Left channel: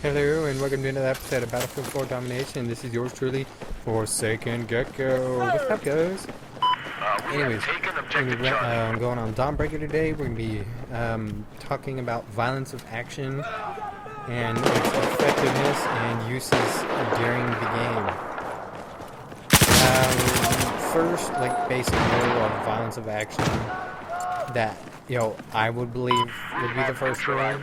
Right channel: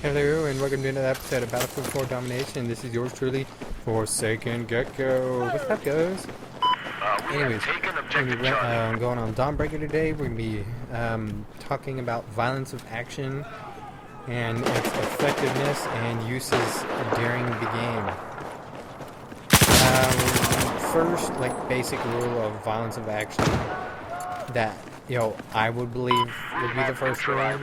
Hello and welcome to another episode of Battlefield 4 Domination. This is yours truly, Forsaken Gecko. What's up, guys? Anyways, I'm going on Dawnbreaker today. We're going to be talking about violence of action and its effectiveness and uses during the game. First, like, basic rule of violence of action that, I would believe would be the first rule.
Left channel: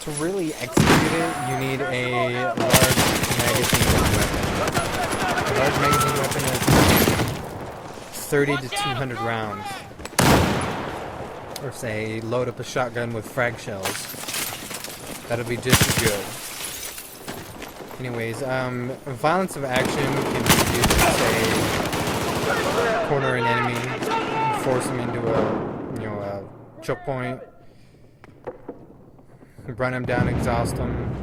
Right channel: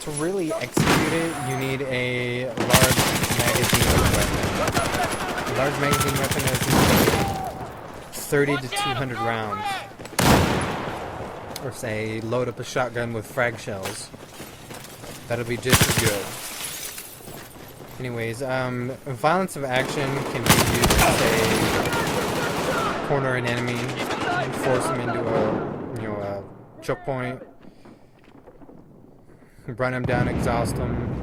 To really execute it, you need a large magazine weapon. A large magazine weapon has, say, 30 to 200 rounds. Or say, load up a shotgun with frag shells. That'll be just as good. Anyways, violence of action can be used to, say, corner an enemy, force them into a choke point, run them down, exhaust them,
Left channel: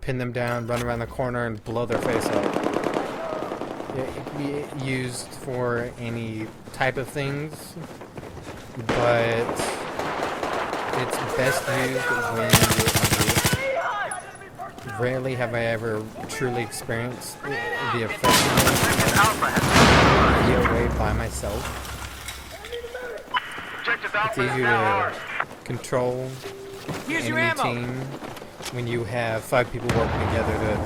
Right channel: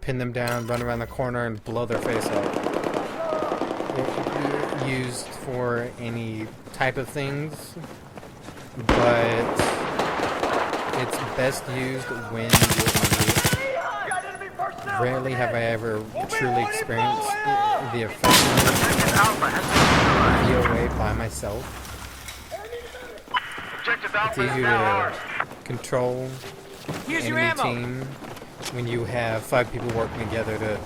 pin them down, run around the corner, and blow their face up. It can be used for any type of things, but it's best used when you're in a group. Rarely have I ever truly experienced the effectiveness of VOA by myself. It's easier to control the enemy team when you have 5 people working together to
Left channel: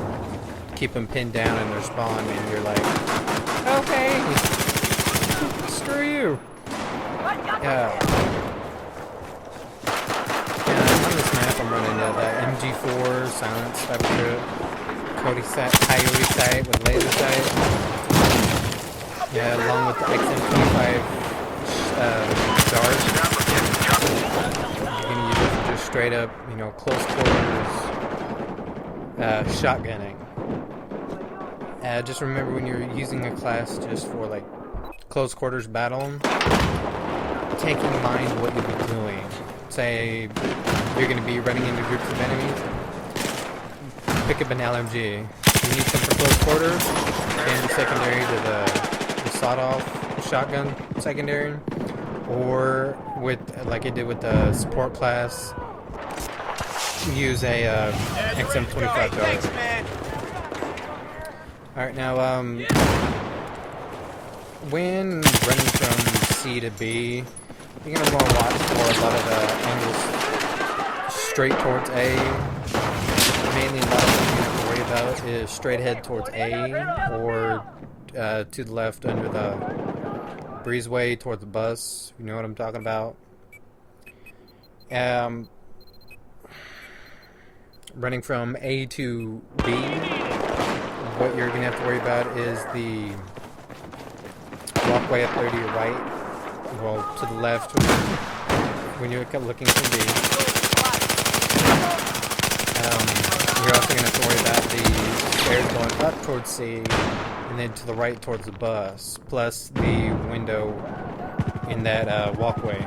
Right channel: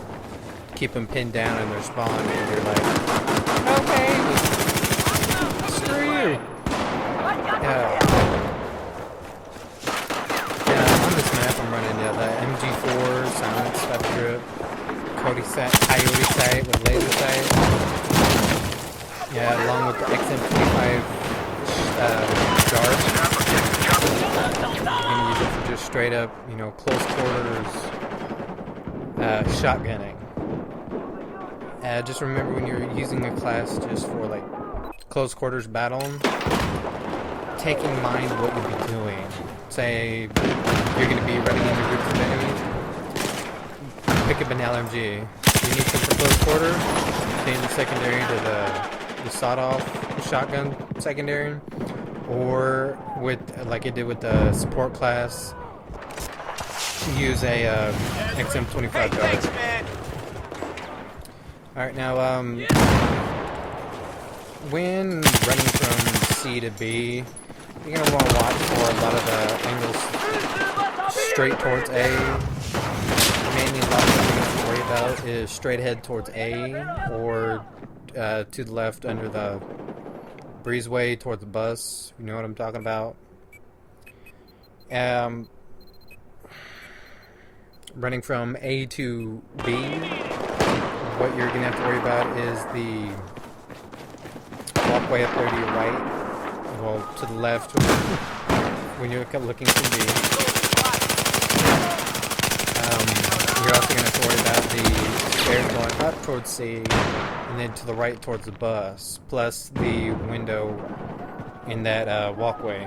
keep them pinned down in their spawn, and you're like, okay, screw you. On this map I'm running the MG4 silence type of grip, coyote sight with laser sight, along with the XM25 dart. You're gonna use it for just straight up, close quarters shotgunning. Just remember, when you're using a class just for like close quarters battle, take in mind what you'll be doing. Say you're gonna be running into groups of enemies, pick up an LMG. You need some for close quarters, change the secondary to the sawed-off shotgun secondary. Or with, like I did with the support class, use a XM25 dart. Thanks, man. Alright, now, when running from C to B, you're going to want to watch for a lot of the angles straight towards A. Mainly, a lot of what you're going to have to worry about is straight ahead towards A, or to the left under the breezeway towards the bus. You know what I'm talking about. Running from A to B, what you're gonna have to worry about is the walkway up there to your right, well, to the left when you're looking from B. You're also gonna have to worry about the stairs going up towards C, and then to the right towards the bus, plus the window in that walkway.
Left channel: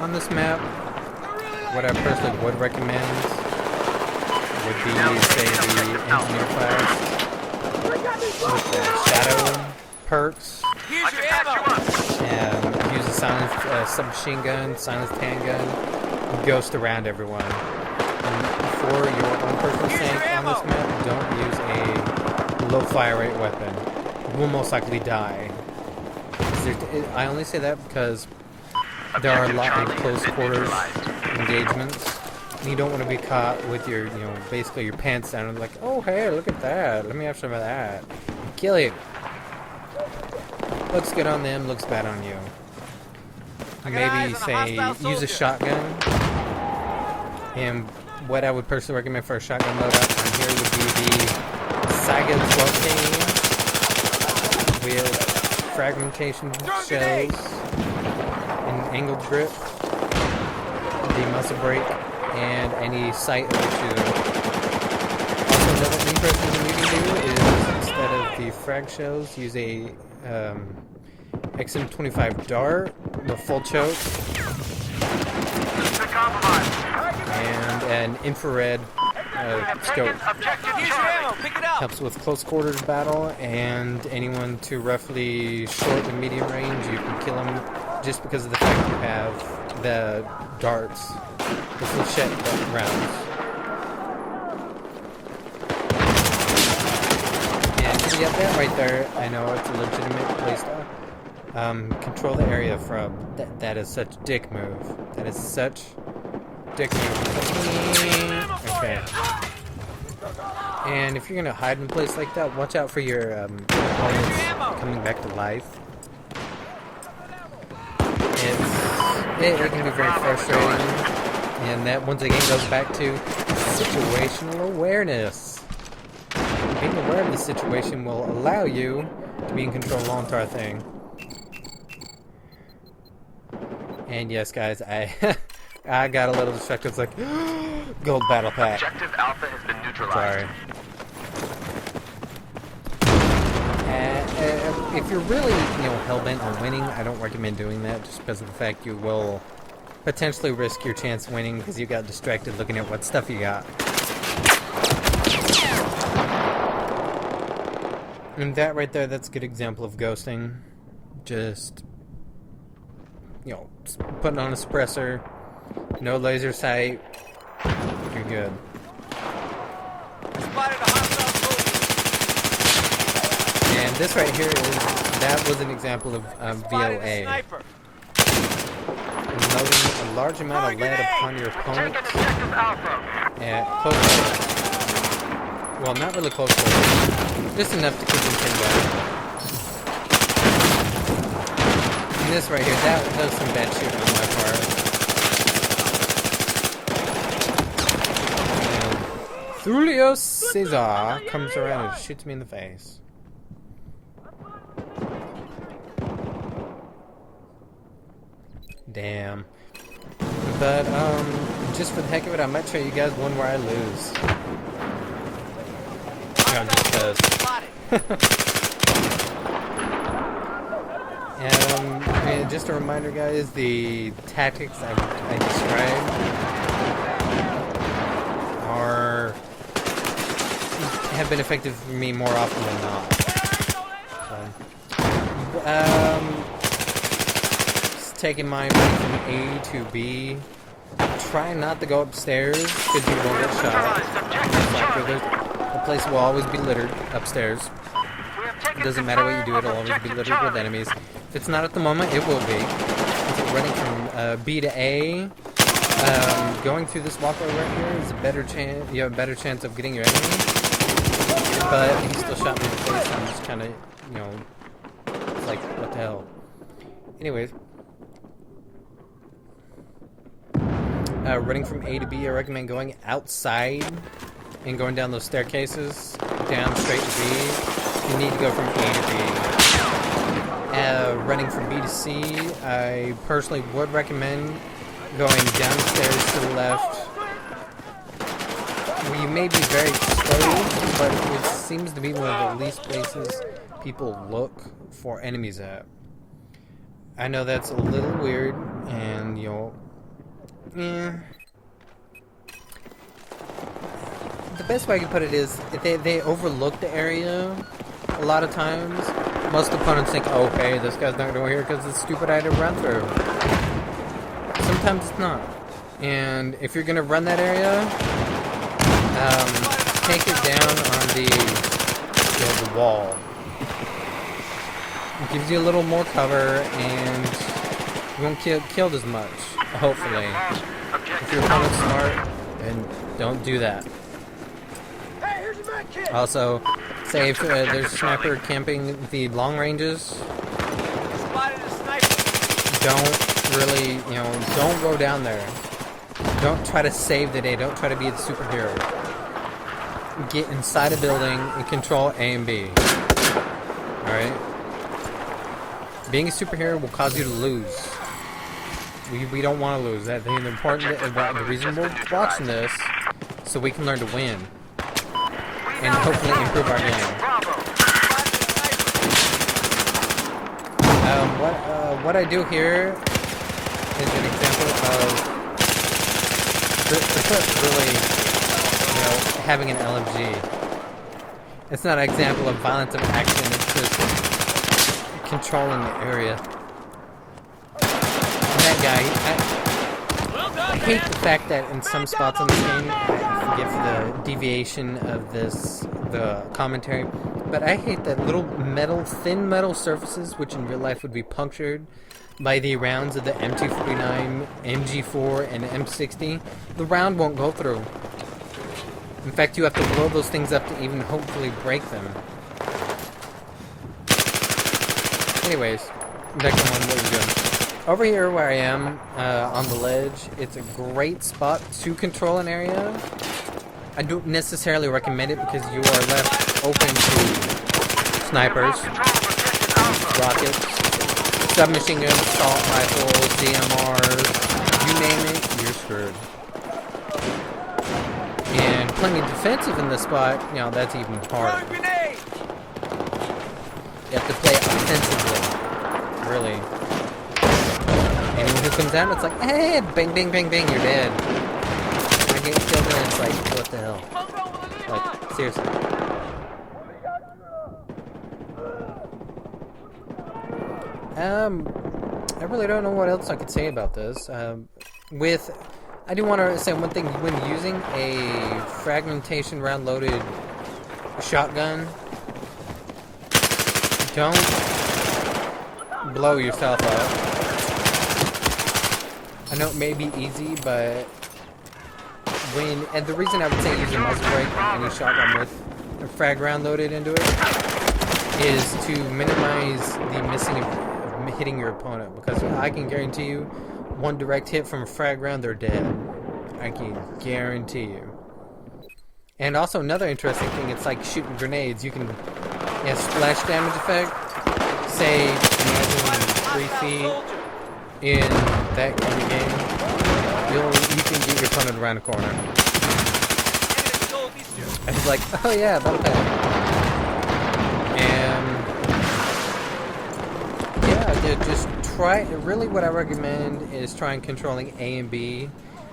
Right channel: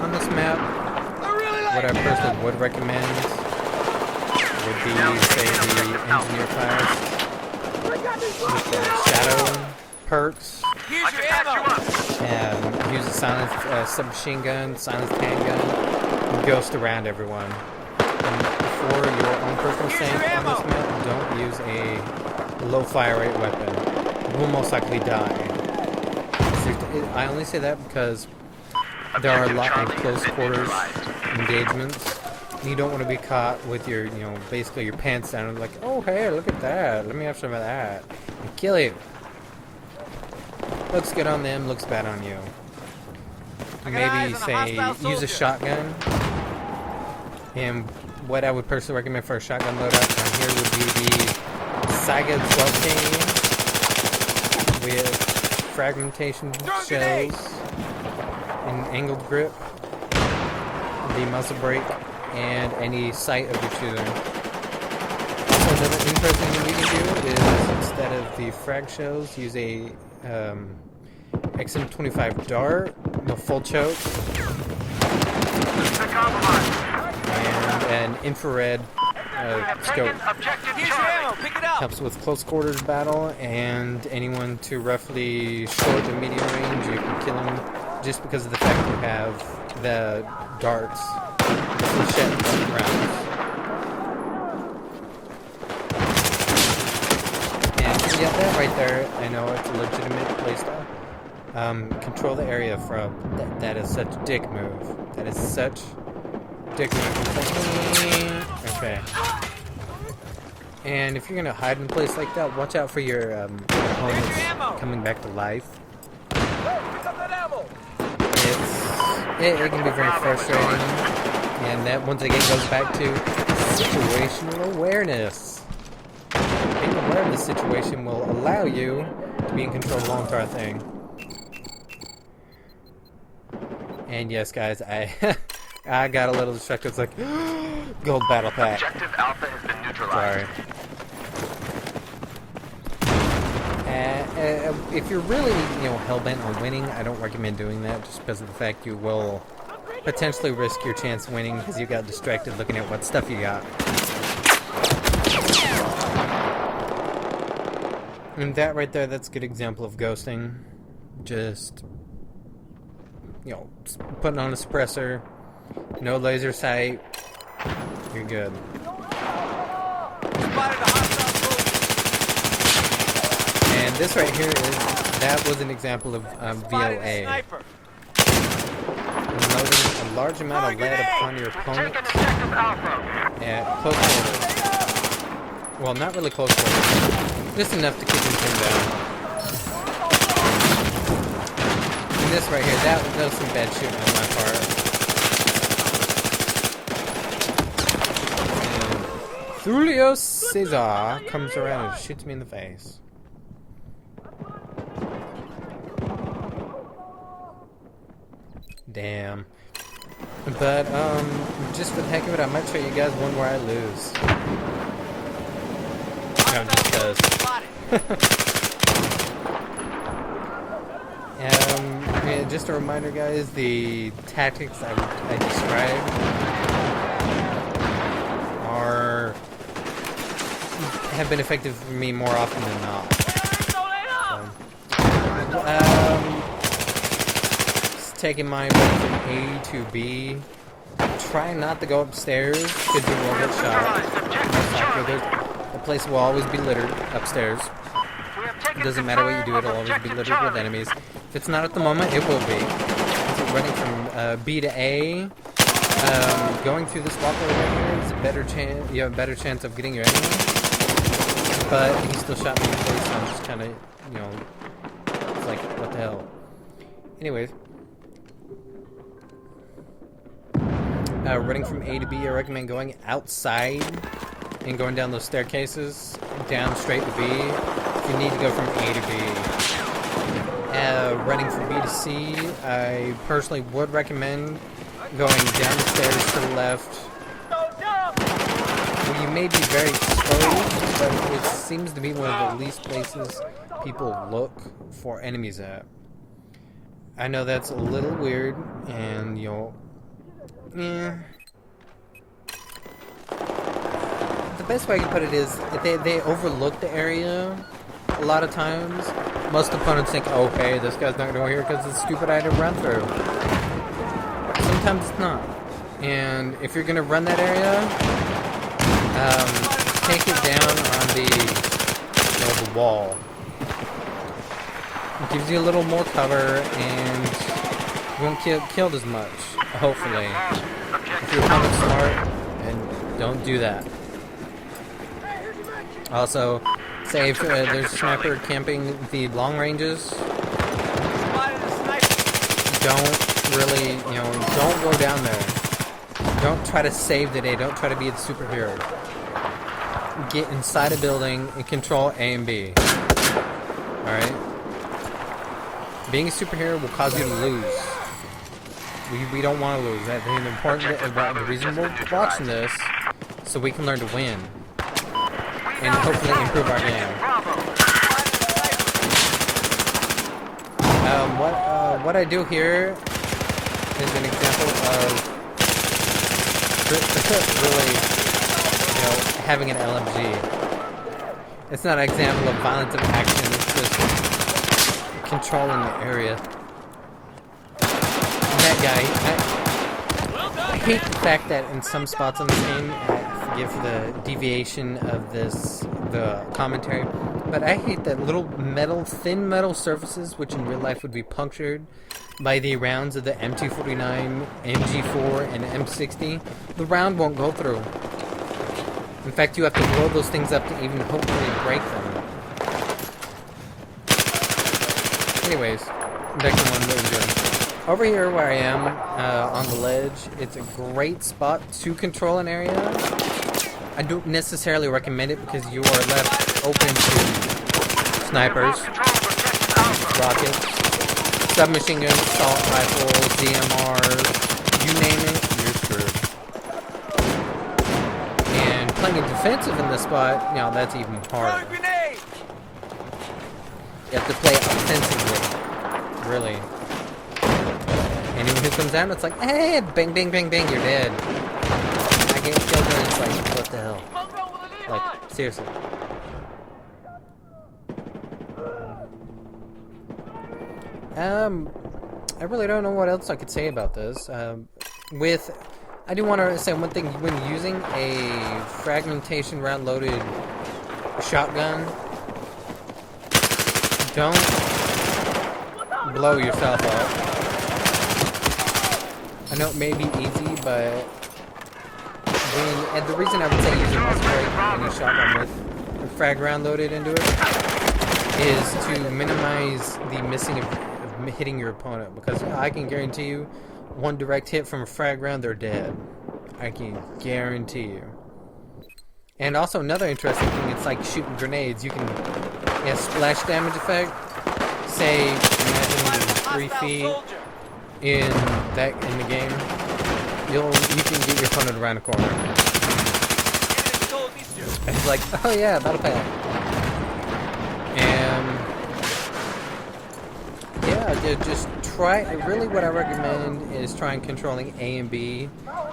On this map, what I personally would recommend would be, say, the engineer class with the shadow perks. Here's your ammo. Use a silenced submachine gun, silenced handgun, and ghost around everyone. For your own personal sake on this map, don't use a low fire rate weapon. You will most likely die. I only say that because there are a lot of close quarters engagements, and you don't want to be caught with your, basically your pants down and like, oh hey, look at that, let me have some of that, and kill you. Looks good on them, looks bad on you. Maybe, say, use a shotgun. And what I would personally recommend for a shotgun loadout on here would be the Saiga 12K with fragmentation shells, an angled grip, the muzzle brake, and any sight of your shooter. Also, another interesting thing you can do is, instead of the frag shells, use a XM25 dart, the full choke, and an infrared scope. Here's your ammo. Pick it up. Helps with close quarters battle, and anyone to roughly short to medium range, you can kill him just because of the fact you have the darts, the flechette rounds. And yeah, that right there, I know it's a legitimate playstyle. Control the area from that is such dick move. That is such dick move. It's like, okay. And if you're gonna hide in a place like that, watch out for your opponents coming back to life. It can be very frustrating, and that once again goes back to situational awareness. Being aware of the situation will allow you to be in control of the whole entire thing. And yes, guys, I got a little distracted. It's like gold battle pack. Objective Alpha has been neutralized. Sorry. If you're really, hell-bent on winning, I don't recommend doing that, just because of the fact you will potentially risk your chance of winning because you got distracted looking at what stuff you got. And that right there, that's a good example of ghosting. Just, putting on a suppressor, no laser sight, you're good. Spotted a hostile soldier. And this right here that was an example of VOA. Sniper. Loading a large amount of lead upon your opponent at close quarters. Well, not really close quarters. Just enough to keep him pinned down. And this right here, that was some bad shooting on my part. And Julio Cesar comes around and shoots me in the face. Damn. But, just for the heck of it, I might show you guys one where I lose. No, just cause. And just a reminder, guys, the tactics I described have been effective for me more often than not. So, just taking mine running from A to B. Try not to go upstairs because you will get shot. Most likely, the place will always be littered upstairs. It doesn't matter what you do, it'll always be littered with enemies. If it's not at the moment, it will be. If running from B to A, going through this walkway right here is a better chance. You have a better chance of getting your enemy. But he still shot me in the face, so I'm just kind of, it's like, what the hell. Anyways. Running from A to B, I recommend going outside and going down those staircases, down straight to B. If you need to go from A to B. Running from B to C, I personally would recommend going down the stairs to the left. Well, you may be very exposed, but it seems to be one of the least places people look for enemies at. I know that's a little weird, and the best way I can put it is they overlook the area a lot of times. Most opponents think, oh hey, this guy's not going to go here because it's stupid I had to run through. Sometimes it's not. And if you're going to run that area, take it down on the wall. It gives you a little more cover and you won't get killed as much, hopefully. If your opponent's smart, then don't do that. Also, say if there's a sniper camping the long ranges, don't really, don't go down there. Don't try to save the day. Don't try to be the superhero. Get inside a building and control A and B. Alright? Being a superhero will cause you to lose. We don't want to lose. That's the important. The reason we're watching this, so we can learn to win. And hopefully improve our game. What I do here is an example of really you know, having an LMG. It's not an example of violence of action, it's just controlling the area. And that guy, I hate the fact that in some spots on this game, I forgive for the deviation of the commentary, but I hate that little thin metal surfaces, which in real life would be punctured by the rounds of the M249, MG4, and M60, the round won't go through. In fact, you have to blow those things up to even hopefully break them. Anyways, back to what we're doing. Over here where I am, on the ledge, it's a great spot to control an area. I don't necessarily recommend it because you are left open to snipers, rockets, submachine guns, assault rifles, DMRs, you name it, you're screwed. And playing it defensive in this spot, you know, that's even harder. You have to play offensively, really. Anyone who comes out, it's like, hey, bang, bang, bang, bang, you're dead. I get killed and it's like, what the hell? Like, seriously. I really don't know what else I could say about this. I do want to say one thing, when using a fragmentation round loaded shotgun, don't blow yourself up. I know it may be easy, but and the reason I would say use a muzzle brake on any shotgun with a frag round loaded into it is to minimize the missing of hitting your opponent, because I can guarantee you one direct hit from a frag round, they're dead. I can guarantee you. And also another interesting thing, it's like shooting grenades. You can, splash damage effect. Say, imagine 3 feet in the game, you can get your opponent around the corner. And it's like, oh yeah, battle pad. And yeah, just try. Really, what I recommend is trying controlling A and B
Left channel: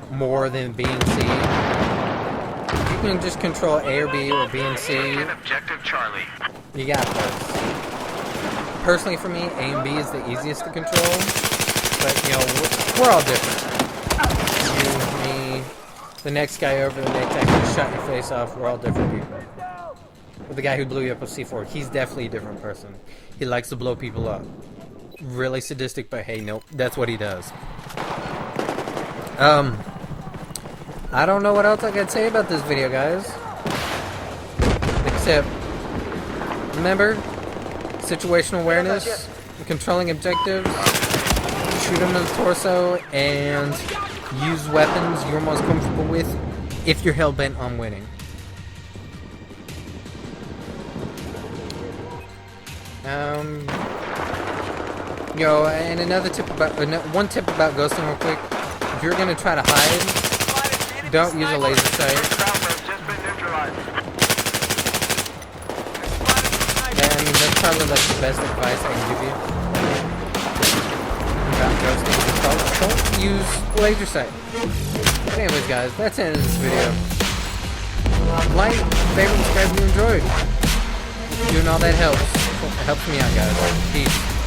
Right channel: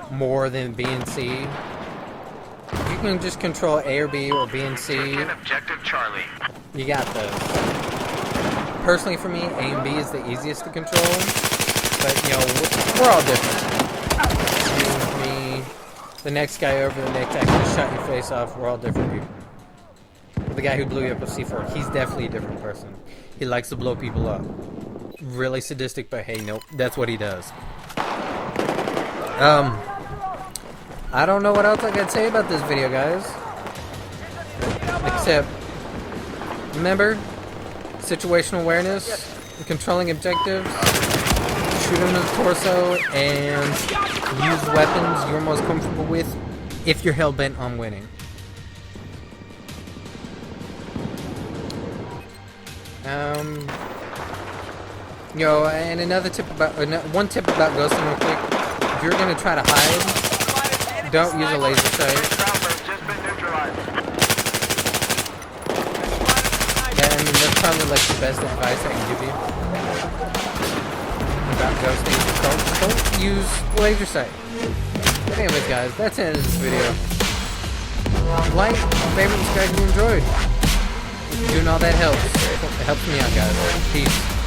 more than B and C. If you can just control A or B or B and C, Objective Charlie. you got this. Personally, for me, A and B is the easiest to control. But, you know, we're all different. You, me, the next guy over, the next guy who just shot your face off, we're all different people. But the guy who blew you up with C4, he's definitely a different person. He likes to blow people up. Really sadistic, but hey, nope, that's what he does. I don't know what else I could say about this video, guys. Except, remember, situational awareness, controlling objectives, shoot him in the torso, and use weapons you're most comfortable with if you're hell-bent on winning. You know, and another tip about, one tip about ghosting real quick, if you're gonna try to hide, don't use a laser sight. I mean, that's probably like the best advice I can give you about ghosting. Just don't use laser sight. But anyways, guys, that's the end of this video. Like, favorite, subscribe if you enjoyed. Doing all that helps. It helps me out, guys. Peace.